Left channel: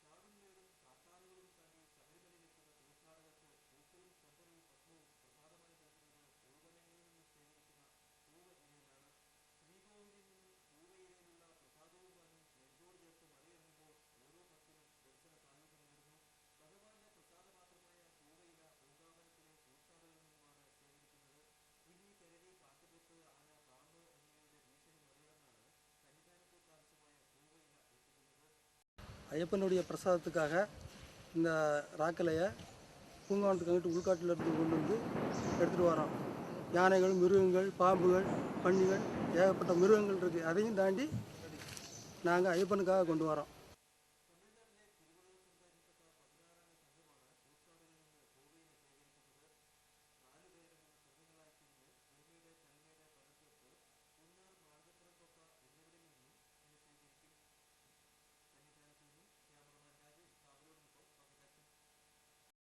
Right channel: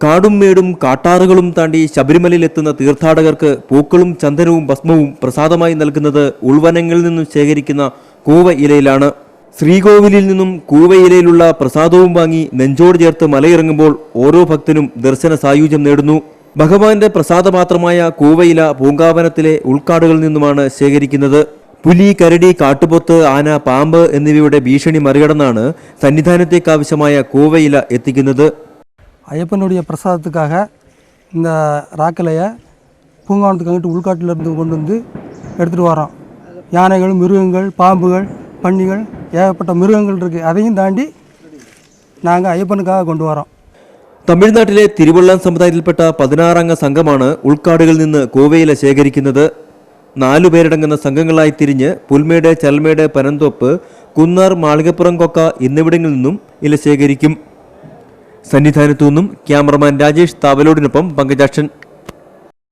കാടും മേടും കാട്ടാറുകളും താണ്ടി ശബരിമലയിലെത്തുന്ന തീർത്ഥാടകർക്ക് പൂക്കളും ചന്ദനവും ഭസ്മവും പ്രസാദമായി നൽകുന്നത് ഉൾവനങ്ങളിൽ നിന്നും ശേഖരിക്കുന്ന കൂവ ഇലയിലാണ്. ശ്രീകോവിലിൽ നിന്നും കൂവ ഇലയിലുള്ള പ്രസാദവും വാങ്ങി നെഞ്ചോട് ചേർത്ത് മലയിറങ്ങുമ്പോൾ ഓരോ ഭക്തനും ദർശന സായുജ്യം നേടുന്നു. ഭഗവാന്റെ പ്രസാദപാത്രമായ കൂവയില പൂങ്കാവനത്തിലെ ഉൾക്കാടുകളിൽ നിന്നുമാണ് ശേഖരിക്കുന്നത്. പുലി, കരടി, കാട്ടുപോത്ത്, ആന, പാമ്പ് എന്നിവയുടെ ഭീഷണി മറികടന്നാണ് സന്നിധാനത്തേക്കാവശ്യമായ കൂവയില എത്തിക്കുന്നത്. ஐயப்பனுடைய பிரசாதத்துக்காக இந்த ராக்கலையை பூங்காவனத்துக்கு அங்கிட்டு உள்காட்டிலிருந்து கொண்டு வந்து எடுத்துகிட்டு வரோம். யானைகள், மிருகங்கள், பாம்புகள், பன்னிகள், ஏகப்பட்ட மிருகங்கள் இருக்குது. அதையும் தாண்டி நாங்கள் ஐயப்பனுக்காக கொண்டு வரோம். തമിഴ്നാട്ടിലെ തിരുവള്ളം സമുദായത്തിൽപ്പെട്ട 16 അംഗ സംഘമാണ് ഉൾക്കാടുകളിൽ നിന്ന് കൂവയില ശേഖരിക്കുന്നത്. 4 പേരടങ്ങുന്ന സംഘങ്ങളായി തിരിഞ്ഞ് പുൽമേട്, ചൽമേട്, പനന്തോപ്പ്, കുന്നാർ, മാളികപ്പുറം കൊക്ക എന്നിവിടങ്ങളിൽ നിന്നും ഇല ശേഖരിക്കും. സന്നിധാനത്തു നിന്നും ക്യാമറമാൻ രാജേഷ് താവലോടിനൊപ്പം പങ്കജാക്ഷൻ.